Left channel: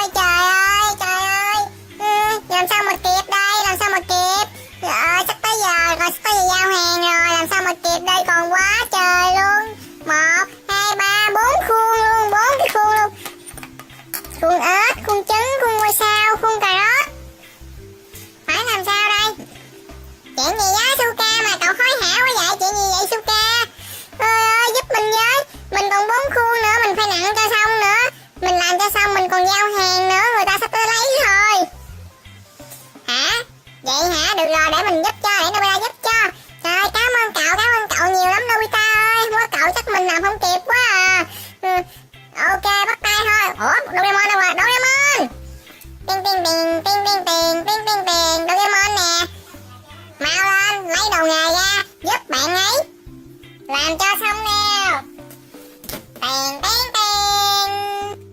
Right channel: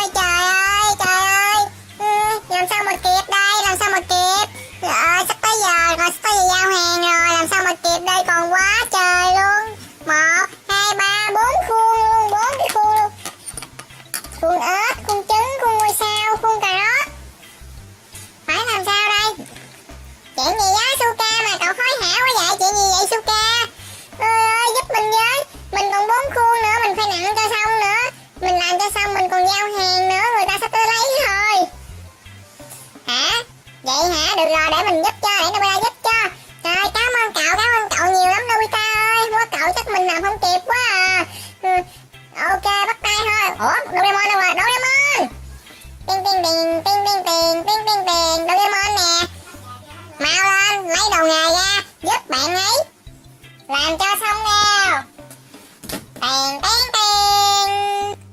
ơi trời ơi. Làm sao mà kịp đây, làm sao mà kịp. Trời ơi sắp tới giờ rồi, sắp tới giờ giao hàng rồi, làm sao mà kịp đây, còn quá trời luôn. 1, 2, 3, 4 khuôn luôn, 4 cái khuôn luôn. Khuôn ếch, khuôn trứng, khuôn ngôi sao, khuôn cà rốt. Phải làm sao đây? Chuyện gì đó Suka mà cậu hối hả quá vậy, chuyện gì vậy Suka? Ơi giúp mình với, mình còn 4 khuôn nữa, mình phải nặng cho xong nữa. Mình làm cho xong mình còn giao hàng nữa, người ta sắp tới lấy rồi. Hả? Vậy hả? Được rồi, để mình giúp cho, để Nobita giúp cho. Trời ơi, cảm ơn cậu nhiều lắm Nobita ơi. Không có cậu chắc mình làm không kịp quá à. Ok, bắt tay thôi. Ủa, Doraemon đâu rồi? Doraemon! Ting ting ting, ting ting ting, ting ting ting, Doraemon nè. Mau lên, lấy đầu nghề ra, giúp bạn ấy. Làm cho xong nào. Tiền tiền tiền.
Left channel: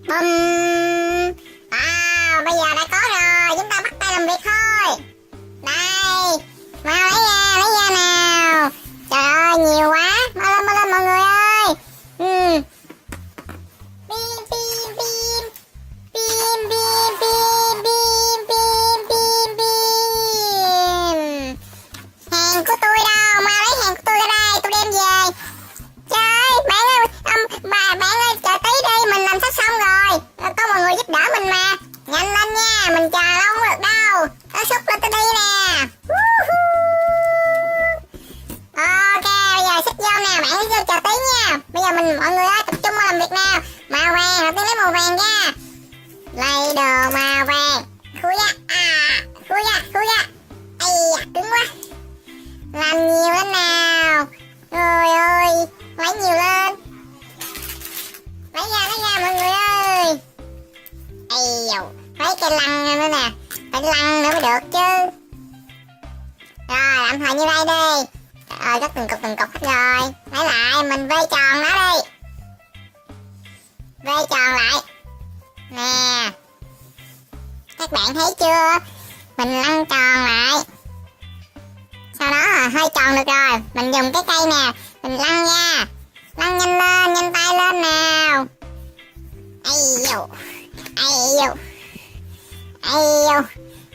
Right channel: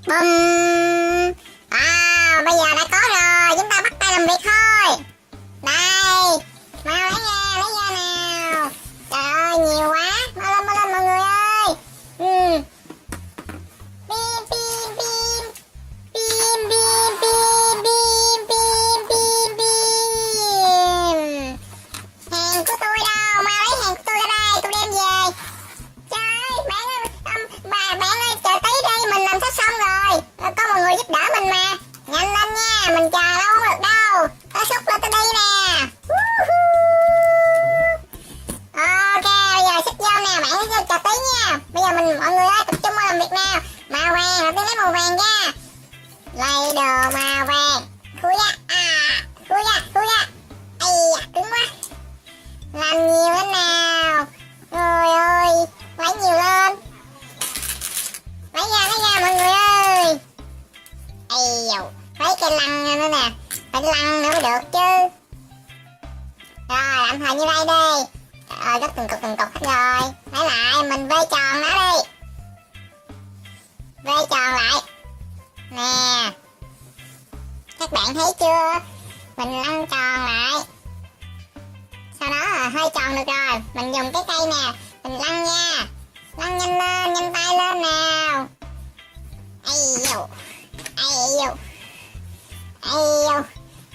Bum. À, bây giờ đã có rồi, chúng ta bắt tay làm việc thôi. Đây, mau lấy ra nào. Trời ơi, nhiều quá, mau lên mọi người ơi. Bim bim bim. Bim bim bim bim bim bim bim. Hàng của tôi đâu, mau lấy hàng của tôi ra đây, tôi đem về. Trời ơi, bạn ơi, bạn ơi, chờ tí đi, mình làm sắp xong rồi. Có mọi người giúp đỡ mình mà. Nhanh lên nha, mình chờ lâu không được đâu. Có xúc lên tôi đi nè. Ok, bây giờ xích vô nè, bạn hãy vô chờ tí nha. Bây giờ mọi người ơi, tập trung vào làm việc nào. Màu vàng, hoặc cái màu vàng ra. Lấy đồ màu vàng. Khui ra, khui ra. Ây da, cứng quá. Làm nhiều lên nào. Người ơi, lấy nhiều lên. Lấy ra mọi người ơi. Ây dầu, lấy cây lăn nữa nè. Phải lăn nữa mới được chứ. Rồi, làm hồi như đây đi. Trời ơi, có từng cục rồi. Lấy lại, mình vây tròn nó đi. Vây tròn lại. Nè. Các bạn thấy chưa? Mình lăn tròn lại. Sau đó là hơi tròn được rồi. Mình dùng cái cây nè, mình lăn ra. Lăn nhanh lên, nhanh tay lên nào. Ây dồ.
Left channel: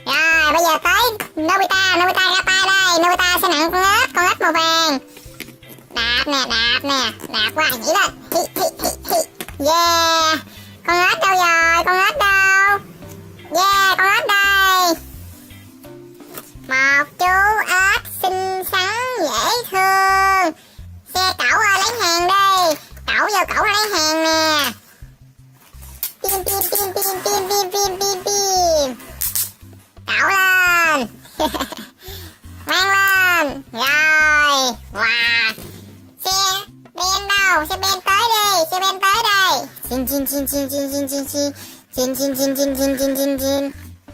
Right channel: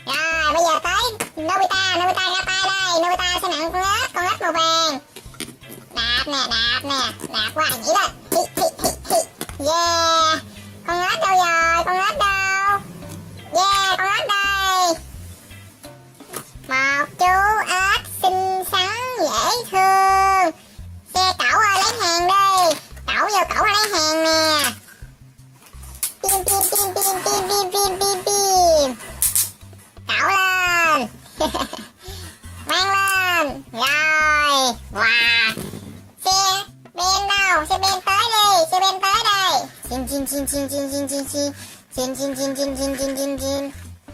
Rồi, bây giờ tới Nobita ra tay đây. Nobita sẽ nặng con ếch màu vàng. Đạp nè, đạp qua nhảy lên. Yeah. Con ếch đâu rồi, con ếch đâu? Yeah, con ếch đây. Một chú ếch xinh xắn, dễ thương. Xe cẩu ơi, lấy hàng đi. Cẩu vô cẩu lấy hàng nè. Pim. Cẩu lên. Mang lên. Rồi. Wow. Xe ben đâu? Xe ben tới đây. Xin.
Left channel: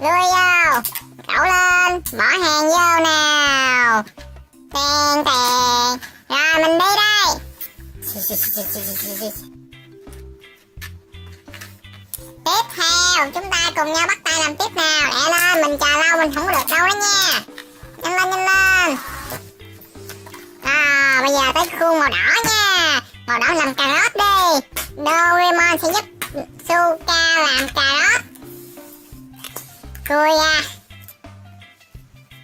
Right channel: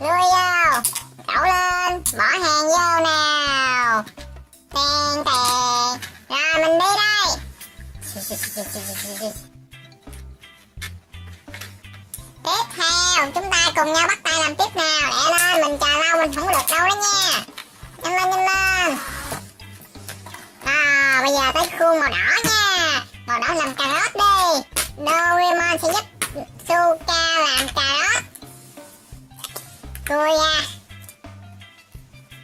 Lùi vô. Cẩu lên. Bỏ hàng vô nào. Tiền. Rồi mình đi đây. Tiếp theo chúng ta cùng nhau bắt tay làm tiếp nào. Lẹ lên, mình chờ lâu mình không có được đâu đó nha. Nhanh lên. Bây giờ tới khuôn màu đỏ nha. Màu đỏ làm cà rốt đi. Doraemon sẽ giúp Suka làm cà rốt. Khui ra.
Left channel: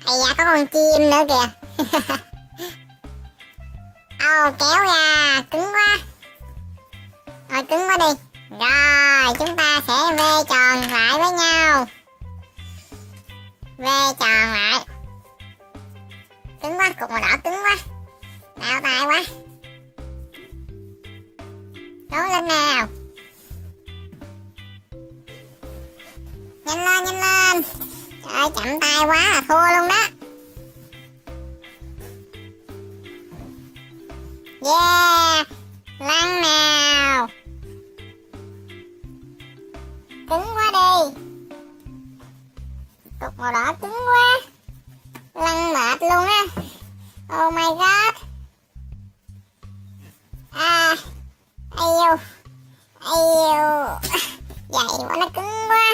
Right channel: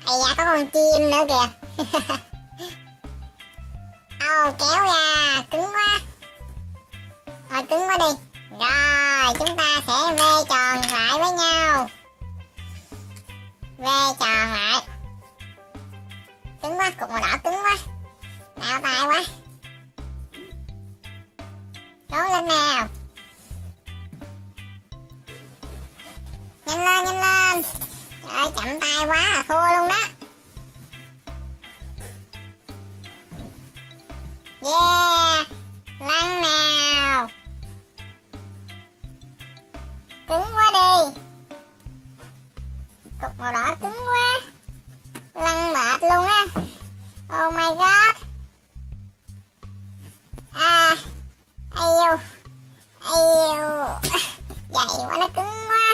Ây da, có con chim nữa kìa. Kéo ra, cứng quá. Thôi cứng quá đi. Rồi, chúng ta sẽ vê tròn lại với nhau. Vê tròn lại. Cứng quá, cục màu đỏ cứng quá. Đau tay quá. Cố lên nào. Nhanh lên. Trời ơi, chậm tay quá là thua luôn đó. Yeah. Lăn nào. Cứng quá đi. Cục màu đỏ cứng quá. Lăn mệt luôn á. Oh my god. Dày quá, nó cứng quá.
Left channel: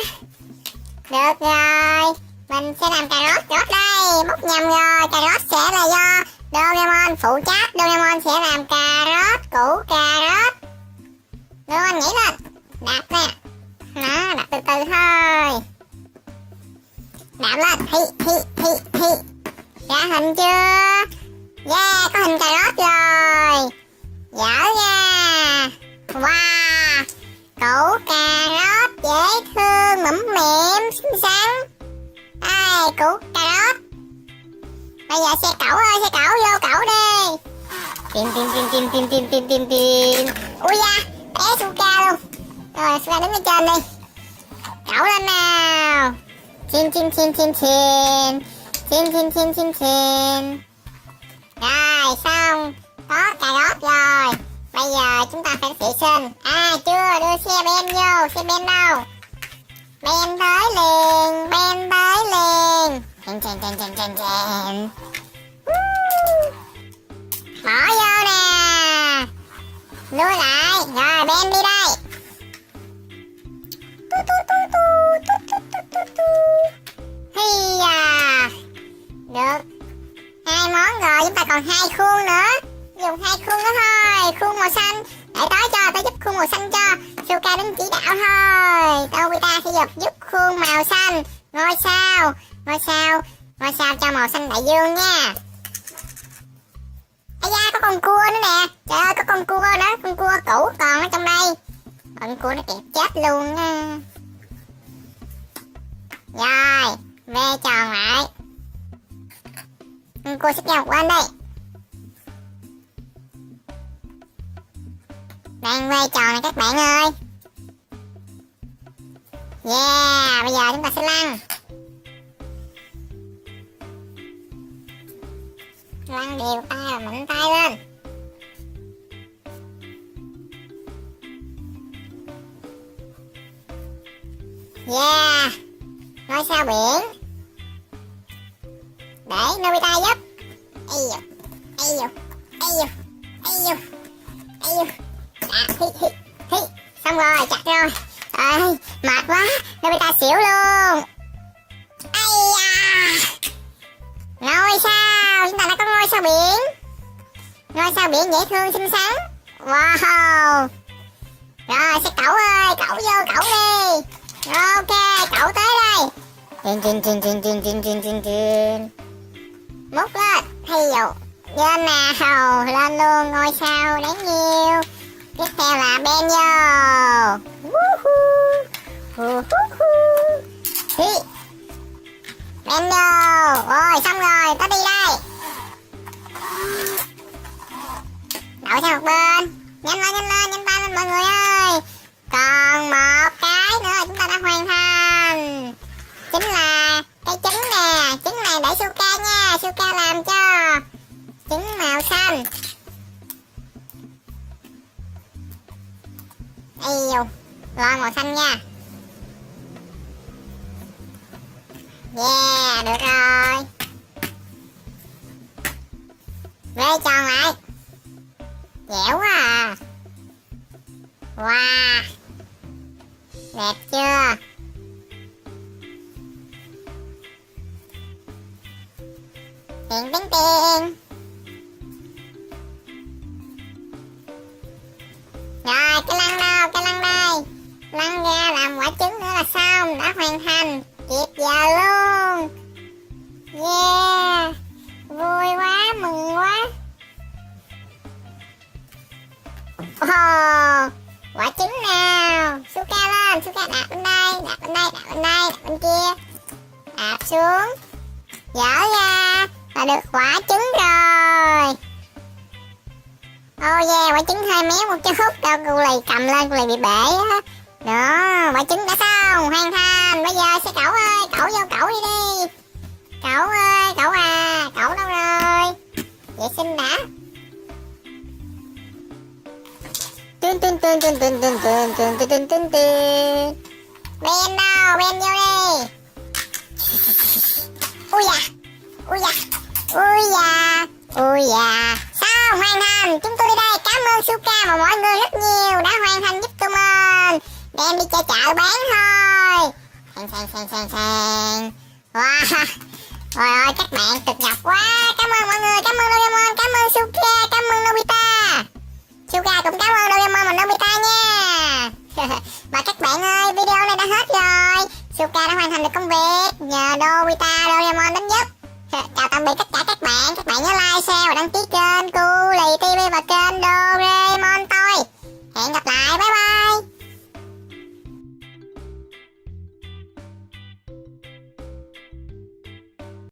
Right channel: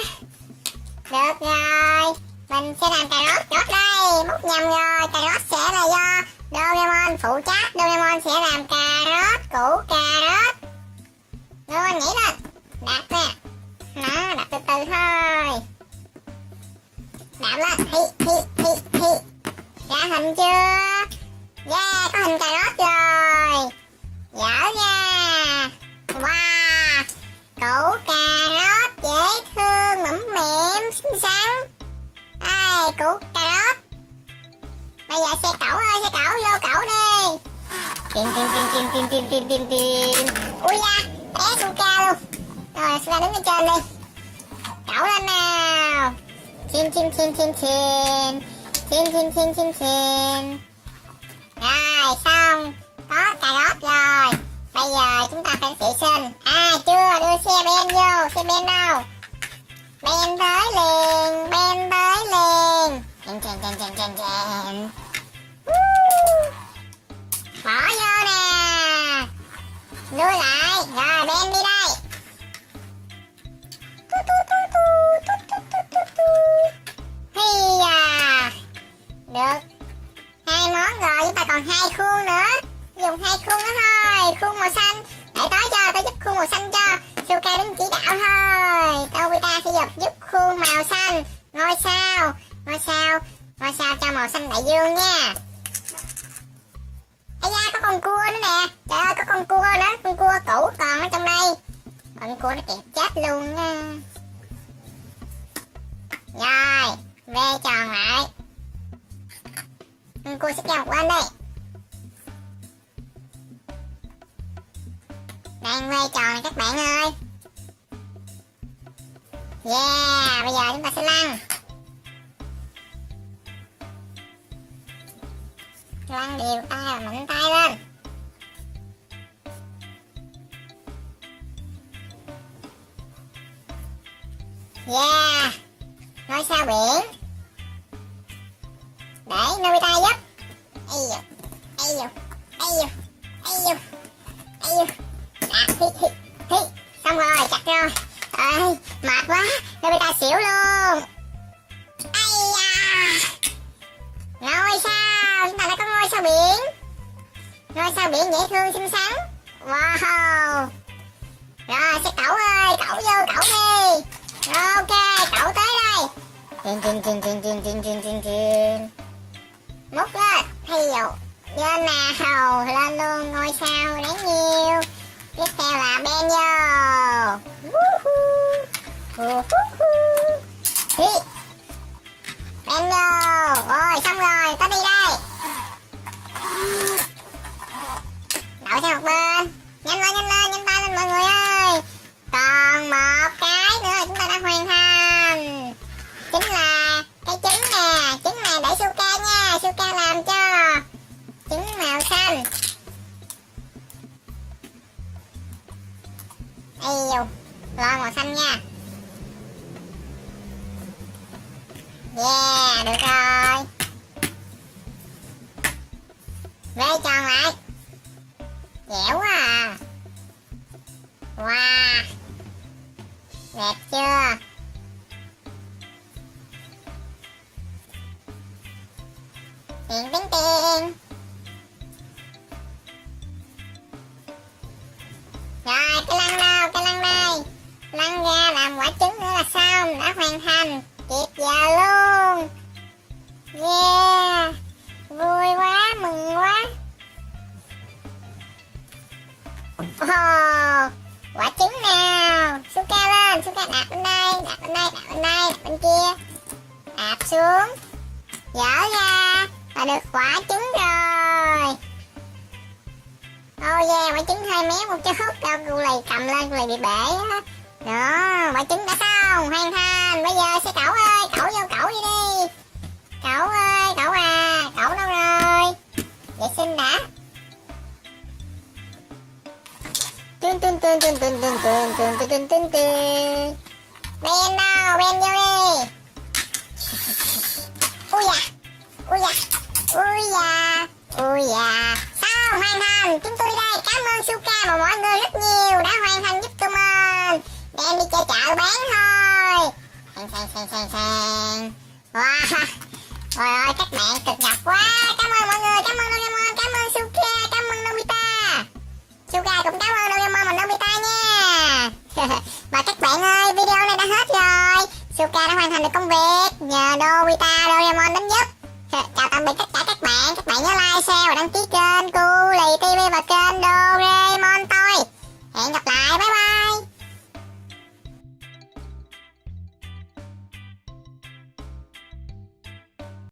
Được rồi, mình sẽ làm cà rốt đây. Múc nhầm rồi, cà rốt sẽ là do Doraemon phụ trách. Doraemon sẽ làm cà rốt, củ cà rốt. Doraemon nhảy lên. Đạp nè. Đó, đạp từ từ thôi. đạp lên, hi. Ra hình chưa? Yeah, có hình cà rốt rồi. Dở nha. Wow, củ cà rốt dễ thương, mẫm mẻm, xinh xắn. Ai, củ cà rốt. Bây giờ xe cẩu ơi, xe cẩu vô cẩu đi. Tìm. Ui da, té Suka luôn. Rồi, Suka đứng ở trên đi. Cẩu lên nào. Xin. Rồi, xong. Có cà rốt rồi. Bây giờ chúng ta phải vệ sinh. À, chưa, đưa xe Ben vô. Xe Ben đâu? Ben tới liền. Chèn. Bỏ vô nè. Nuôi lại. Rồi, Ben đi đây. Được. 2 món rồi, chúng ta còn 2 khuôn nữa. Dùng 2 khuôn đó thôi. Khuôn màu xanh. Để tới giúp khuôn màu xanh cho. Suka đứng chỉ đạo thôi. Nobita sẽ giúp khuôn màu xanh. Ngôi sao cho màu xanh đại dương nha. Ây da, có con cua nữa nè. Trời ơi, có con cua nữa. Con cua cũ còn ở trong đây. Con cua nó kẹp chết luôn á. Rồi, ve tròn lại. Con cua sẽ kéo qua đây. Đang ve tròn này các bạn ơi. Yeah, bây giờ chúng ta sẽ lăn. Lăn đều tay và mạnh tay lên. Yeah, ngôi sao biển. Để Nobita giúp. Ây dồ. Xong rồi, chặt rồi. Ôi, mệt quá, Nobita xỉu luôn. Ây da. Ngôi sao, chúng ta đã có ngôi sao biển. Ngôi sao biển dễ thương xinh xắn. Wow. Rồi, sẽ cẩu ơi, cẩu vô cẩu đi. Ok, cậu tới đây. Trên. Múc lên, thi dụ. Lên nào, lên luôn ngôi sao đáng yêu. Tiếp theo là Ben vô. Hi. Ben vô. Rồi, xong rồi, ta đi đây. Đậu sang một bên. Nhanh tay lên mọi người ơi. Còn một cái nữa chúng ta đã hoàn thành. Chính là cái trứng nè. Trứng này để Suka nha. Suka làm cho. Trứng màu xanh. Yêu. Rồi màu xanh nha. Yeah, được rồi. Ve tròn lại. Dẻo quá à. Wow. Đẹp chưa? Tiền. Rồi, cái lăn nào, cái lăn đây. Lăn ra làm quả trứng nữa là xong. Đã hoàn thành. Kịp giờ luôn. Yeah. Vui quá, mừng quá. Oh, quả trứng nào. Suka lên, Suka đạp bên đây, bên kia. Đạp xuống. Dở ra. Và được quả trứng rồi. Oh yeah, quả trứng hơi méo một chút. Đâu cô này cầm lên, cô này bị bể á. Đó, quả trứng đã xong, hoàn thành. Bây giờ sẽ cẩu ơi, cẩu vô cẩu đi. Cẩu ơi, cẩu à, cẩu đâu rồi? Vệ sinh đã. Ben đâu, Ben vô đi. Ui da. Xong, hoàn thành. Chúng tôi đi đây. Cảm ơn Suka và mọi người rất nhiều đã hoàn thành giúp tụi mình. Đem đi chơi chợ bán thôi. Sang. Wow. Trời ơi, các bạn cực nhọc quá. Cảm ơn mọi người, cảm ơn Doraemon, cảm ơn Suka, cảm ơn Nobita. Suka cũng cảm ơn Doraemon và Nobita nha. Và các bạn ơi, video này đã hết rồi. Suka đã hoàn thành được công việc. Nhờ Nobita Doraemon tất